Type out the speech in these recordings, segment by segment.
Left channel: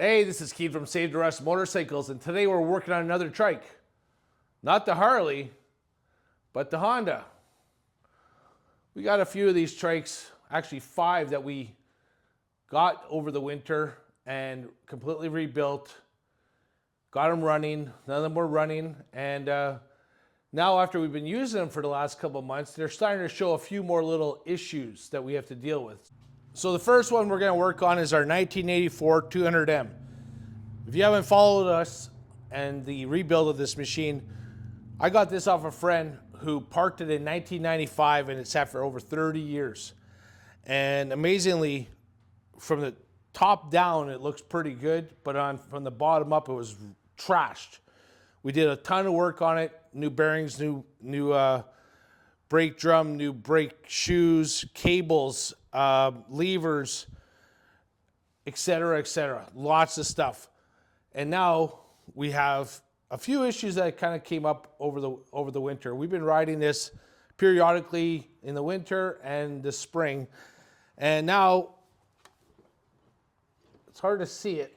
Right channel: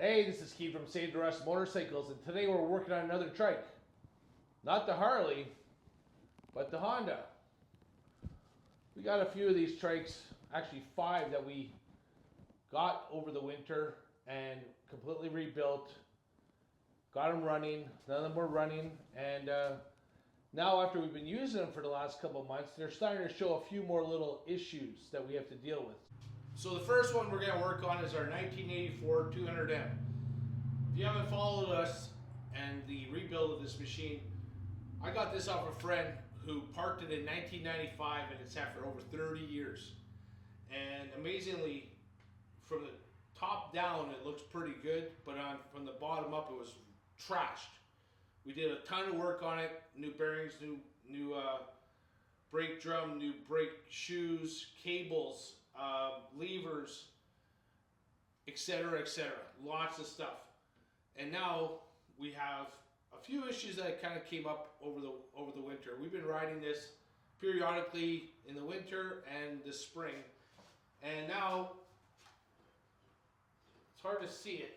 Hey, this is Keith from Save the Rust Motorcycles, and today we're working on another trike. Not the Harley, but the Honda. We got a few of these trikes, actually 5 that we got over the winter and completely rebuilt. Got them running, none of them were running, and now after we've been using them for the last couple of months, they're starting to show a few more little issues that we have to deal with. So the first one we're going to work on is our 1984 200M. If you haven't followed us and the rebuild of this machine, I got this off a friend who parked it in 1995 and it sat for over 30 years. And amazingly, from the top down, it looks pretty good, but from the bottom up, it was trashed. We did a ton of work on it, new bearings, new brake drum, new brake shoes, cables, levers, etc., lots of stuff. And now we have a few issues that kind of came up over the winter. We've been riding this periodically in the winter and the spring, and now it's hard to see it,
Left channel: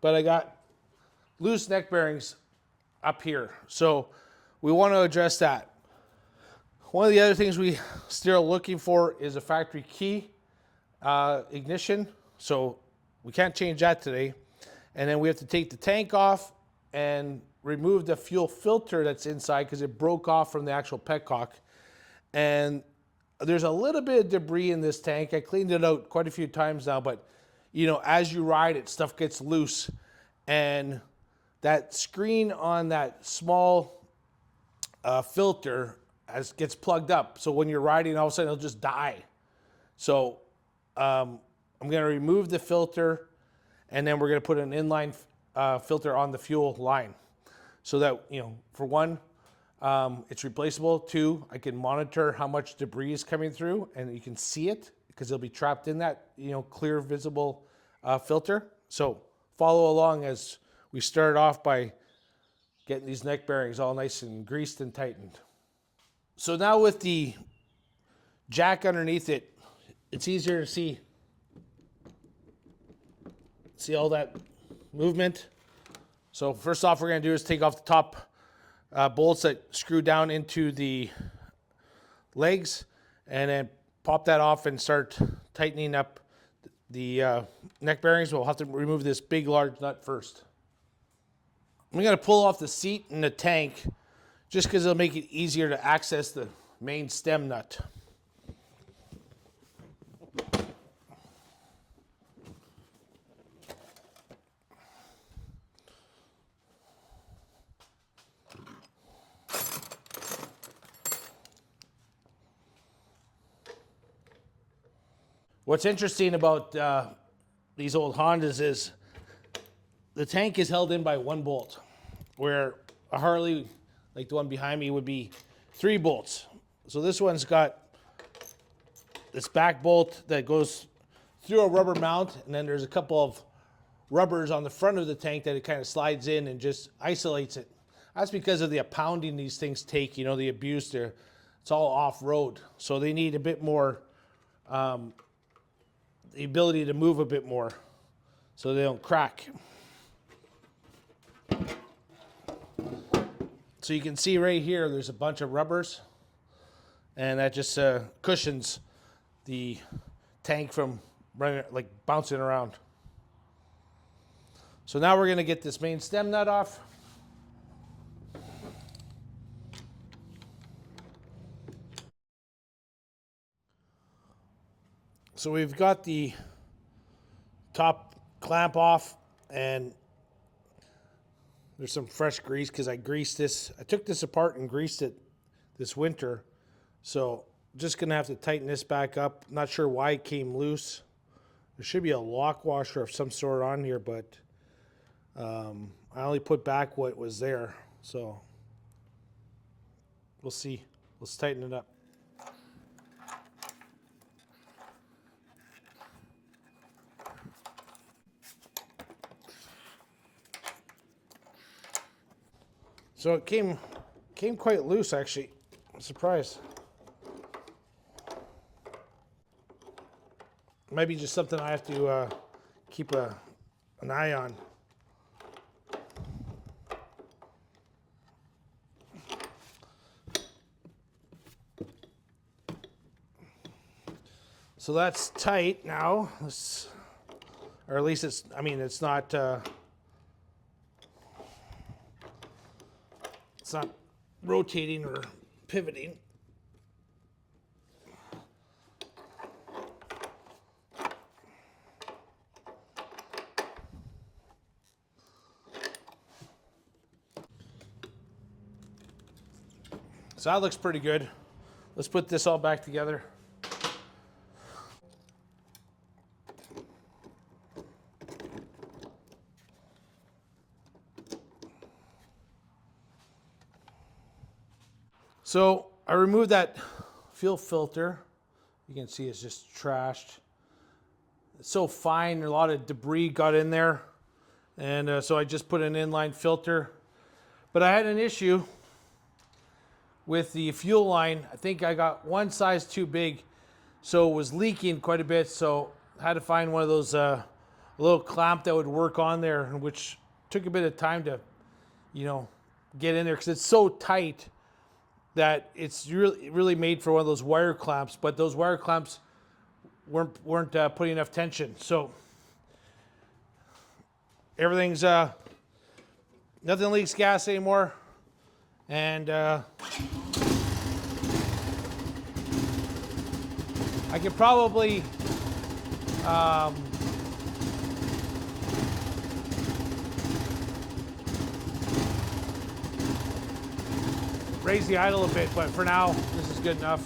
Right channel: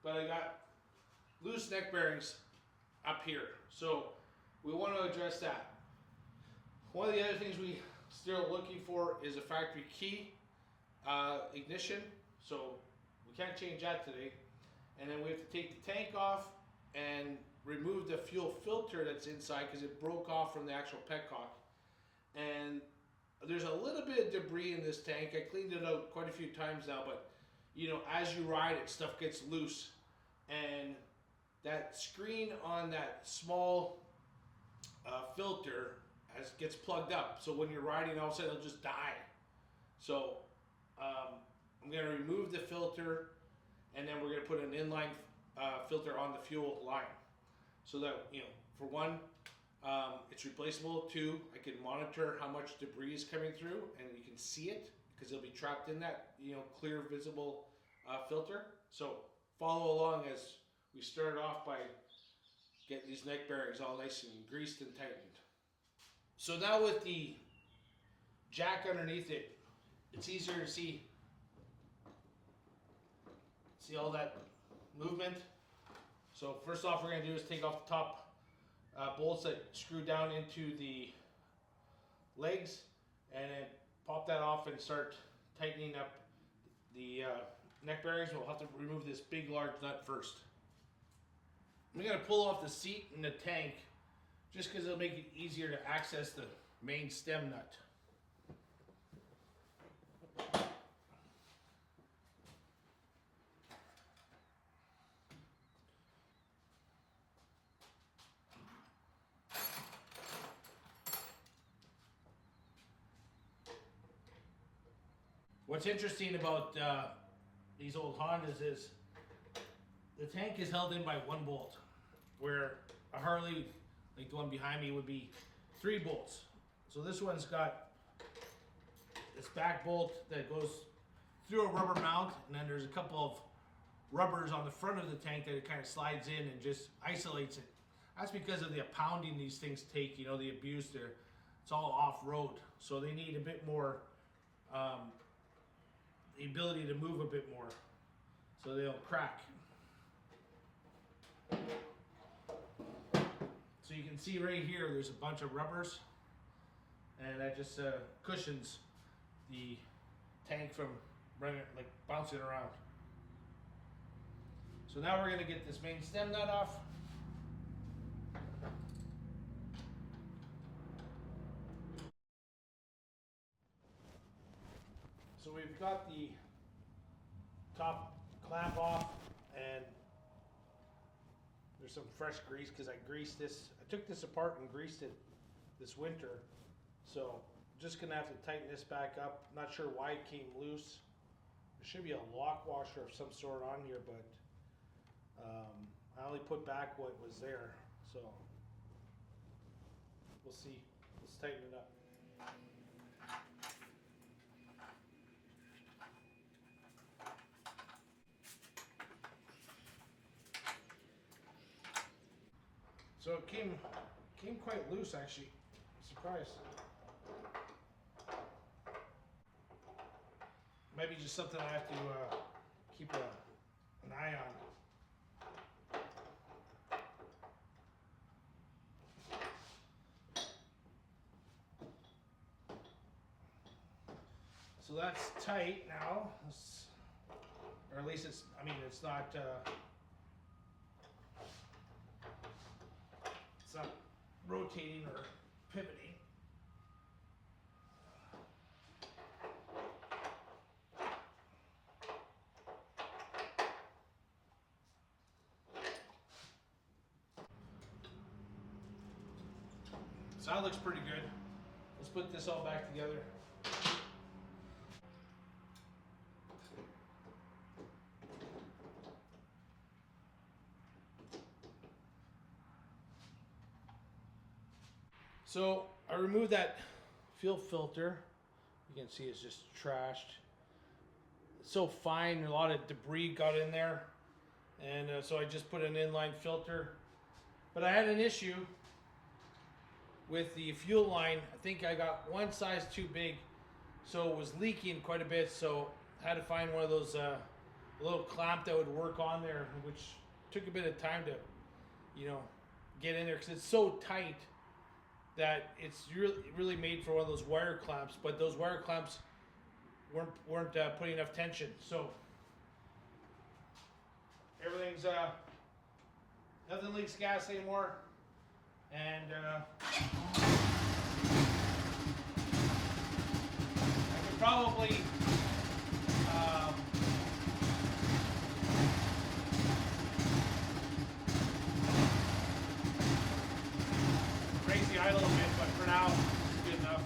but I got loose neck bearings up here, so we want to address that. One of the other things we still looking for is a factory key ignition, so we can't change that today. And then we have to take the tank off and remove the fuel filter that's inside because it broke off from the actual petcock. And there's a little bit of debris in this tank. I cleaned it out quite a few times now, but you know, as you ride it, stuff gets loose. And that screen on that small filter gets plugged up. So when you're riding, all of a sudden it'll just die. So I'm gonna remove the filter, and then we're gonna put an inline filter on the fuel line so that, you know, for one, it's replaceable. 2, I can monitor how much debris is coming through and you can see it because it'll be trapped in that, you know, clear visible filter. So follow along as we start off by getting these neck bearings all nice and greased and tightened. So now with the jack underneath it, it's easier to see all that movement. So first off, we're going to do is take off the top bolts that screw down into the legs, and then pop that off and start tightening up the neck bearings. We'll have to remove this big large nut first. I'm going to pull off the seat and the tank just because it'll make it easier to access the main stem nut. What's interesting about these old Hondas is the tank is held in by 1 bolt, where a Harley, like the one behind me, would be 3 bolts. So this one's got this back bolt that goes through a rubber mount, and then there's a couple of rubbers on the front of the tank that it kind of slides in and just isolates it. That's because of the pounding these things take, you know, the abuse there. It's all off-road, so they need a bit more the ability to move a bit more so they don't crack. So you can see right here, there's a bunch of rubbers, and that just cushions the tank from running, like bouncing around. So now we're going to get this main stem nut off. So we've got the top clamp off, and there's some fresh grease because I greased this. I took this apart and greased it this winter. So just gonna have to tighten this back up. Not sure why it came loose. There should be a lock washer of some sort on here, but I only put back what was there. So we'll see. Let's tighten it up. So it came quite loose, actually. I'm surprised. Might be just something I have to keep an eye on. So that's tight now. Or at least it's, I mean, it's not rotating or pivoting. So that looks pretty good. Let's put this all back together. So I removed that fuel filter. You can see it's just trashed. It's so fine, a lot of debris got in there. And so I just put an inline filter. But I had an issue with the fuel line. I think I got one size too big, so it was leaking quite a bit. So I had to find one of those little clamp that would work on there, which took a bit of time to, get in there because it's so tight that it's really made for one of those wire clamps. But those wire clamps weren't putting enough tension, so everything's nothing leaks gas anymore. And I could probably raise the idle a bit, but for now, this is good enough.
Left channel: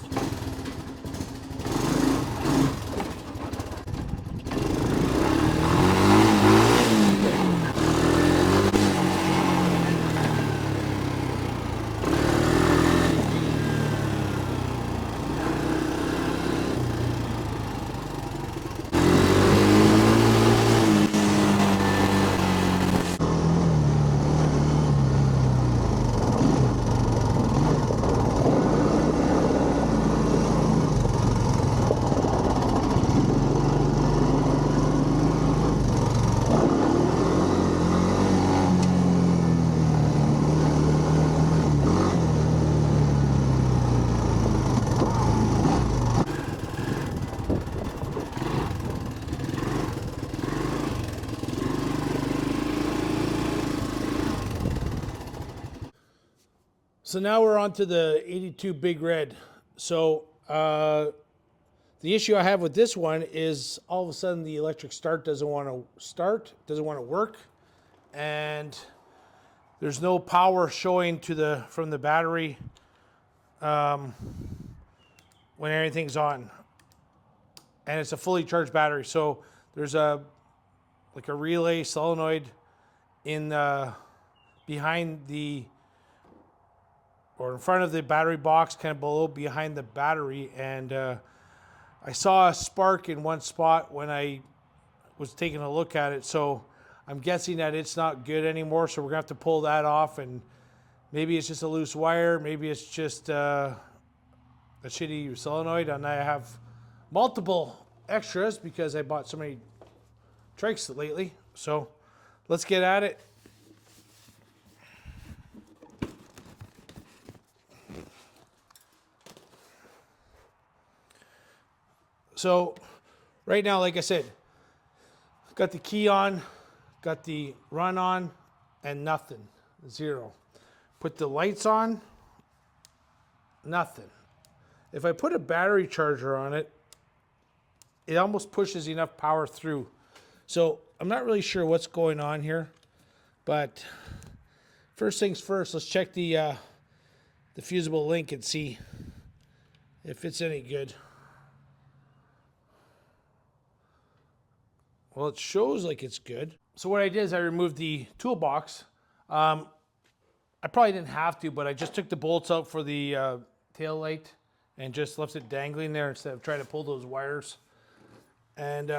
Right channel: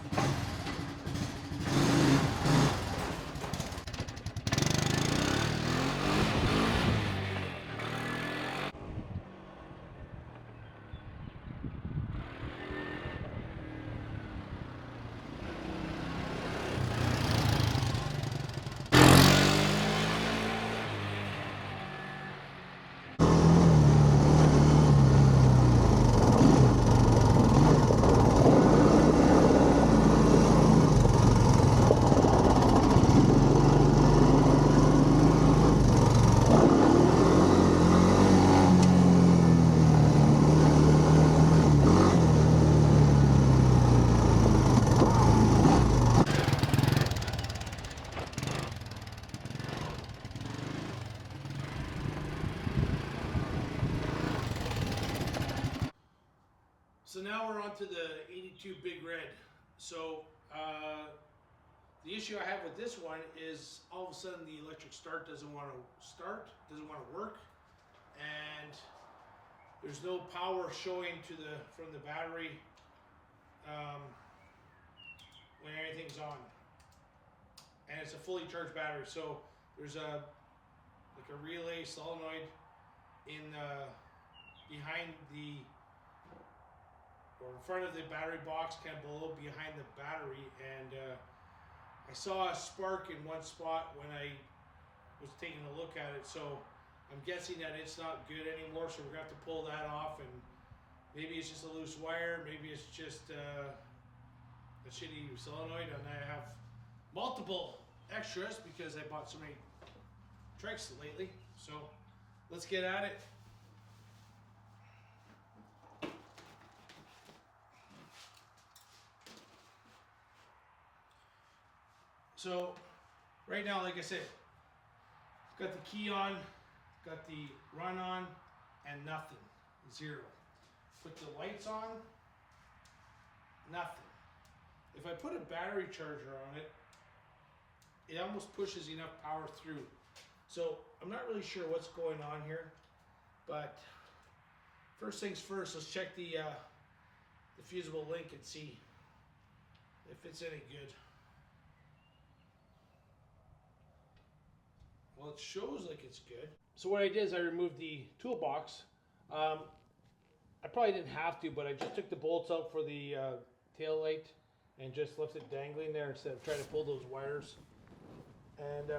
So now we're on to the 82 Big Red. So the issue I have with this one is all of a sudden the electric start doesn't want to work, and there's no power showing from the battery when everything's on, and it's a fully charged battery. So there's a relay solenoid in behind or in front of the battery box, kind of below behind the battery. And I saw a spark in one spot when I was taking a look at it. So I'm guessing that it's not good anymore. So we're gonna have to pull that off, and maybe it's just a loose wire. Maybe it's just a shitty solenoid. And I have multiple extras because I bought so many trikes lately. So let's get at it. So right now, like I said, got the key on, got the run on, and nothing, zero. Put the lights on, nothing. If I put a battery charger on it, it almost pushes enough power through. So I'm not really sure what's going on here, but first things first, let's check the fusible link and see if it's any good. Well, it shows like it's good. So what I did is I removed the toolbox. I probably didn't have to, but I just took the bolts out for the tail light and just left it dangling there instead of trying to pull those wires. And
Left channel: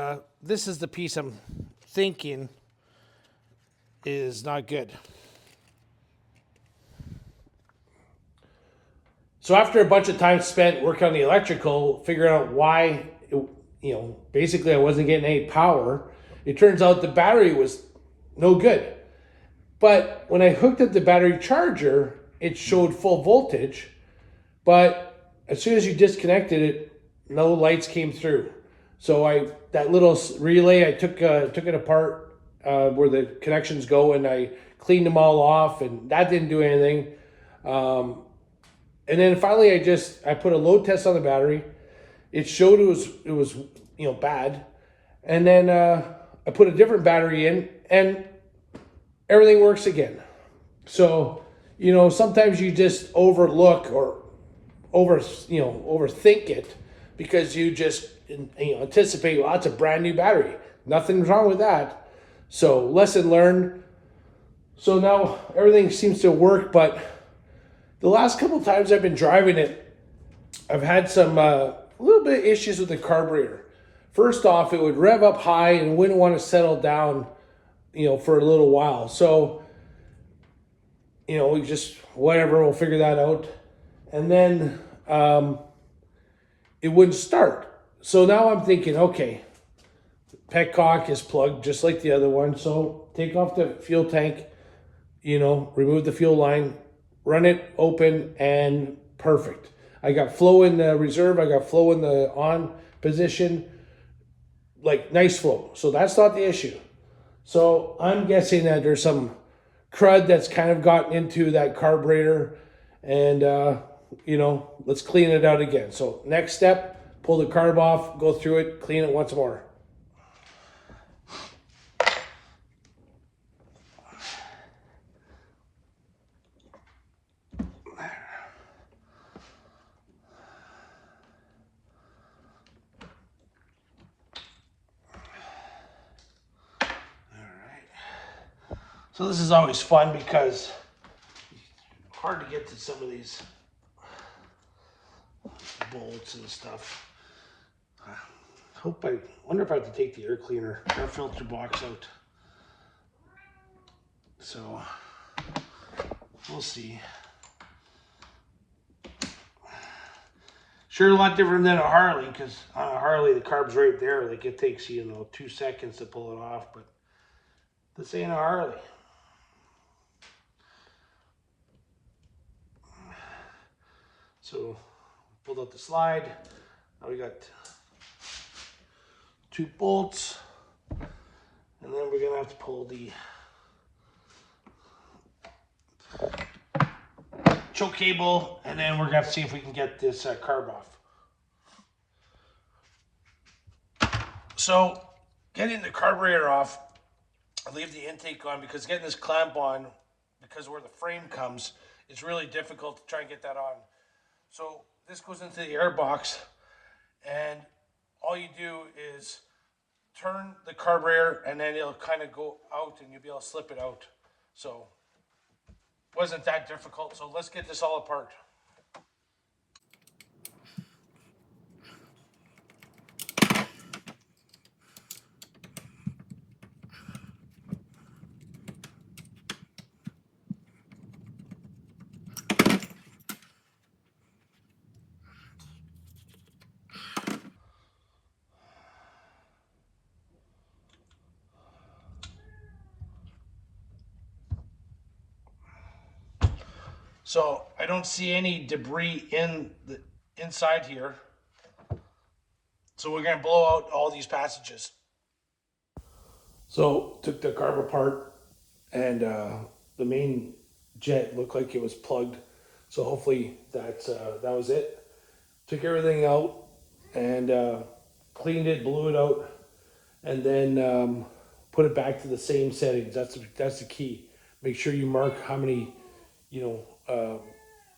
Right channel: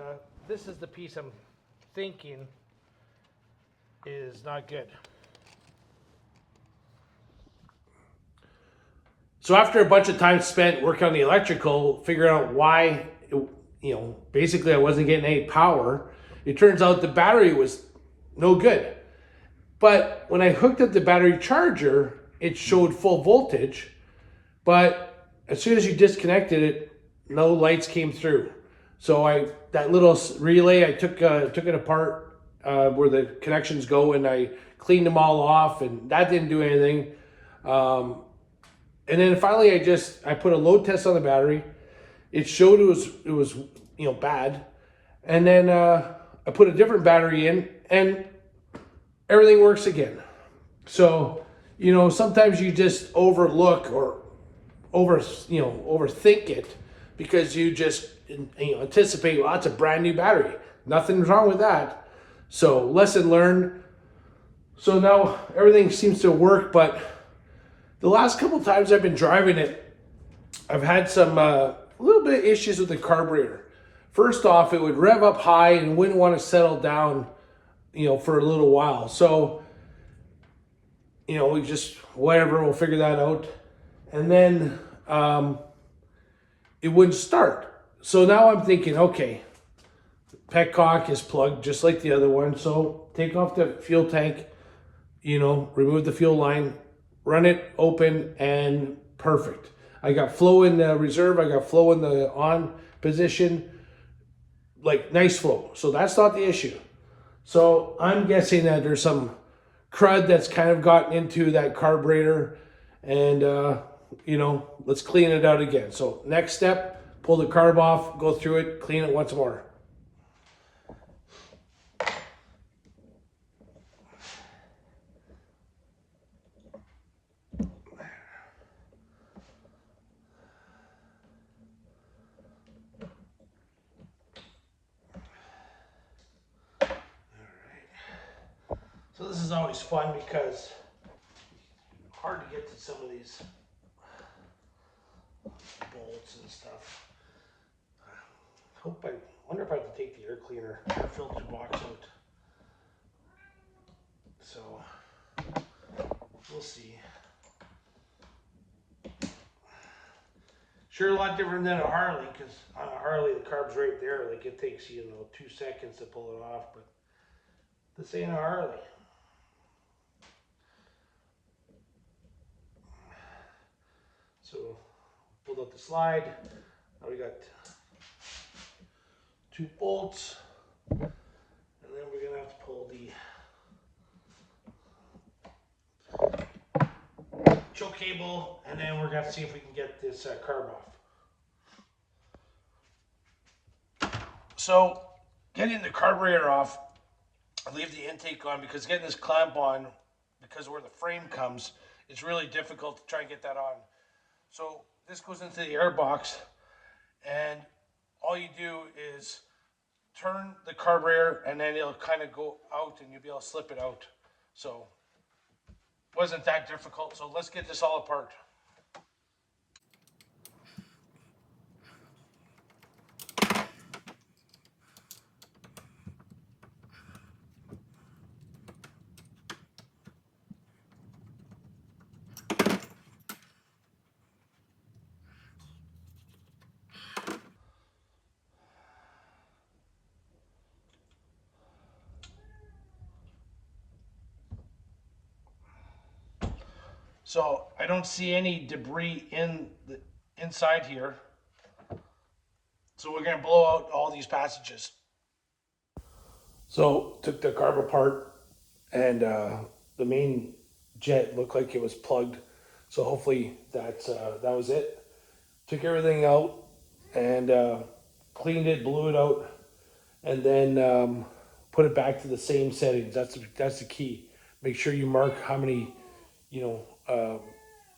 this is the piece I'm thinking is not good. So after a bunch of time spent working on the electrical, figuring out why basically I wasn't getting any power. It turns out the battery was no good. But when I hooked up the battery charger, it showed full voltage. But as soon as you disconnected it, no lights came through. So that little relay, I took it apart where the connections go, and I cleaned them all off, and that didn't do anything. And then finally, I put a load test on the battery. It showed it was bad, and then I put a different battery in, and everything works again. So sometimes you just overlook or overthink it because you just anticipate, well, that's a brand new battery. Nothing's wrong with that. So lesson learned. So now everything seems to work, but the last couple times I've been driving it, I've had some little bit of issues with the carburetor. First off, it would rev up high and wouldn't want to settle down, for a little while. So, we just, whatever, we'll figure that out. And then it wouldn't start. So now I'm thinking, okay, petcock is plugged just like the other one. So take off the fuel tank, remove the fuel line, run it open, and perfect. I got flow in the reserve. I got flow in the on position, like nice flow. So that's not the issue. So I'm guessing that there's some crud that's kind of gotten into that carburetor, and let's clean it out again. So next step, pull the carb off, go through it, clean it once more. So this is always fun because it's hard to get to some of these bolts and stuff. Wonder if I have to take the air cleaner, air filter box out. So we'll see. Sure, a lot different than a Harley, because on a Harley the carb's right there. Like it takes 2 seconds to pull it off, but this ain't a Harley. So pulled out the slide. Now we got 2 bolts, and then we're gonna have to pull the choke cable, and then we're gonna have to see if we can get this carb off. So getting the carburetor off, I leave the intake on because getting this clamp on, because where the frame comes, it's really difficult to try and get that on. So this goes into the air box, and all you do is turn the carburetor, and then it'll kind of go out, and you'll be able to slip it out. So it wasn't that difficult. So let's get this all apart. So I don't see any debris inside here. So we're gonna blow out all these passages. So took the carb apart, and the main jet looked like it was plugged. So hopefully that was it. Took everything out and cleaned it, blew it out, and then put it back to the same settings. That's the key. Make sure you mark how many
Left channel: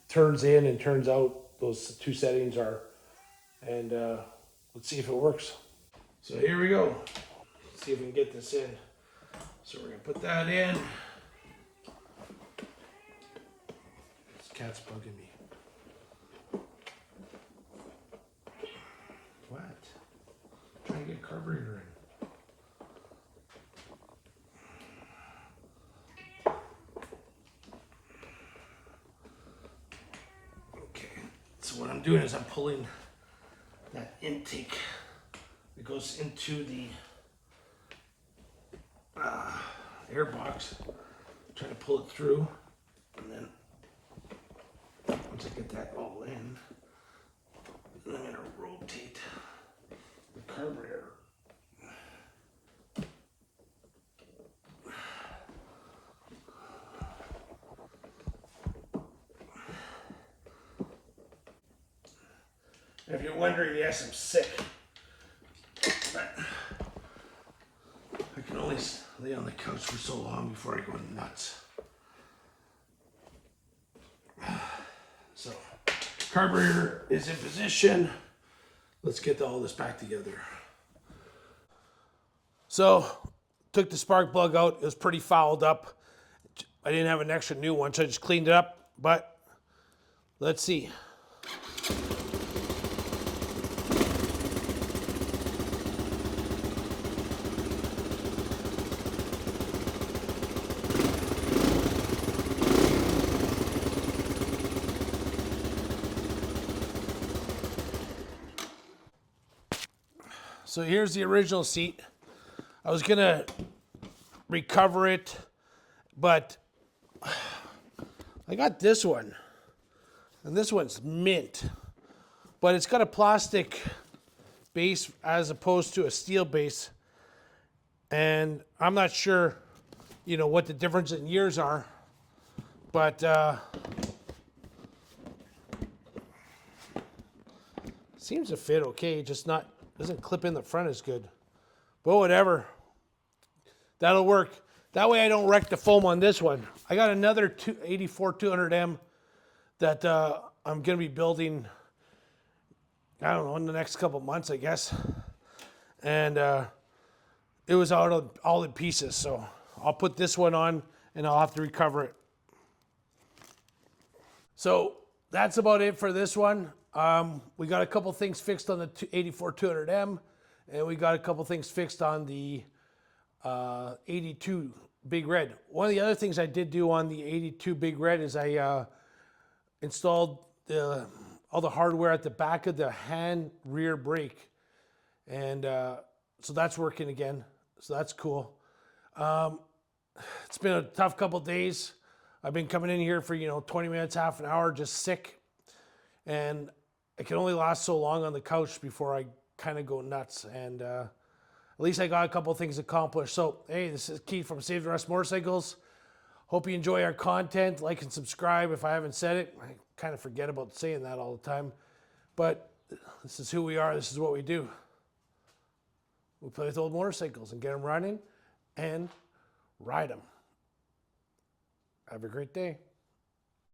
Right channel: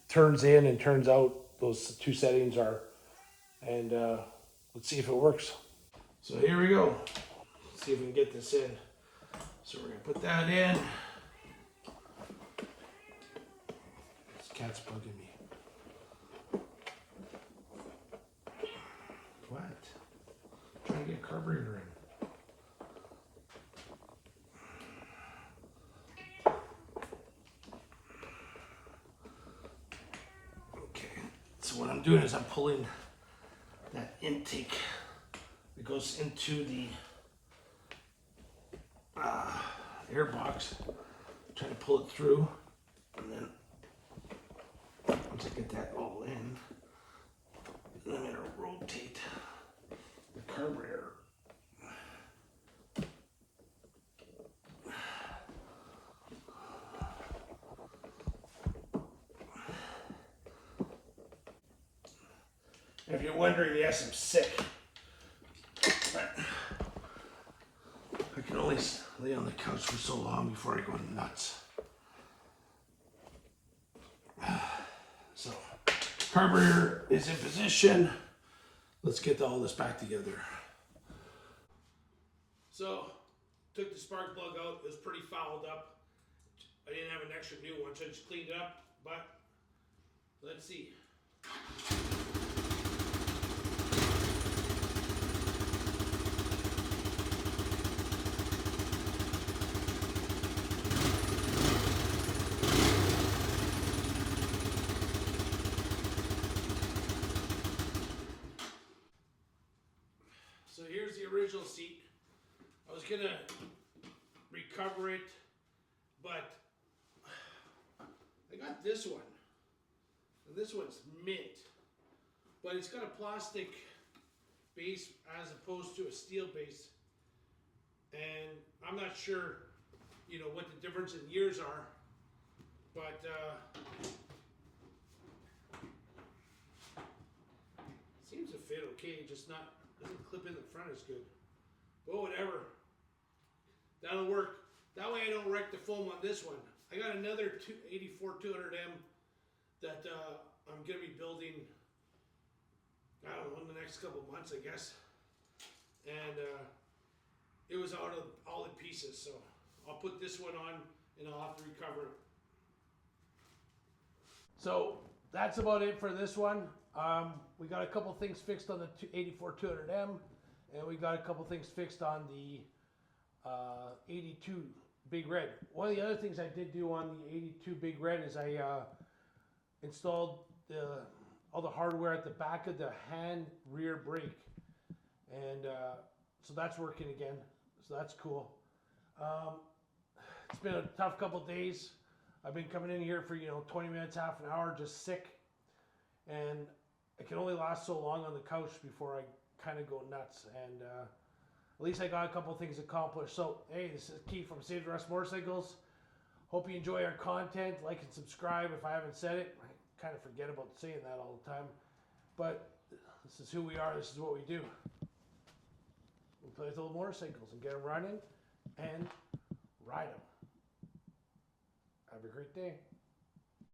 turns in and turns out those 2 settings are, and let's see if it works. So here we go. Let's see if we can get this in. So we're gonna put that in. This cat's bugging me. What? Trying to get carburetor in. So what I'm doing is I'm pulling that intake goes into the air box. Try to pull it through, and then once I get that all in, I'm going to rotate the carburetor. And if you're wondering, yes, I'm sick. But I can only lay on the couch for so long before I go nuts. So, carburetor is in position. Let's get all this back together. So, took the spark plug out. It was pretty fouled up. I didn't have an extra new one, so I just cleaned it up. But let's see. So here's the original seat. I was gonna recover it, but I got this one, and this one's mint, but it's got a plastic base as opposed to a steel base, and I'm not sure, you know, what the difference in years are, but seems to fit okay, just not. Doesn't clip in the front as good. But whatever. That'll work. That way I don't wreck the foam on this one. I got another 84 200M that I'm going to be building, I don't know, in the next couple months, I guess. And it was all in pieces. So I'll put this one on and I'll have to recover it. So that's about it for this one. We got a couple things fixed on the 84 200M, and we got a couple things fixed on the 82 Big Red. One of the other things I did do on the 82 Big Red is I installed all the hardware at the back of the hand rear brake, and so that's working again. So that's cool. It's been a tough couple days. I've been coming in here for 20 minutes, half an hour, just sick, and I can only last so long on the couch before I kind of go nuts. And at least I got a couple things accomplished. So hey, this is Keith from Save the Rust Motorcycles. Hope you enjoy our content. Like and subscribe if I haven't said it. I kind of forget about saying that all the time, but this is who we are. This is what we do. We play with old motorcycles and get them running and ride them. Have a great day.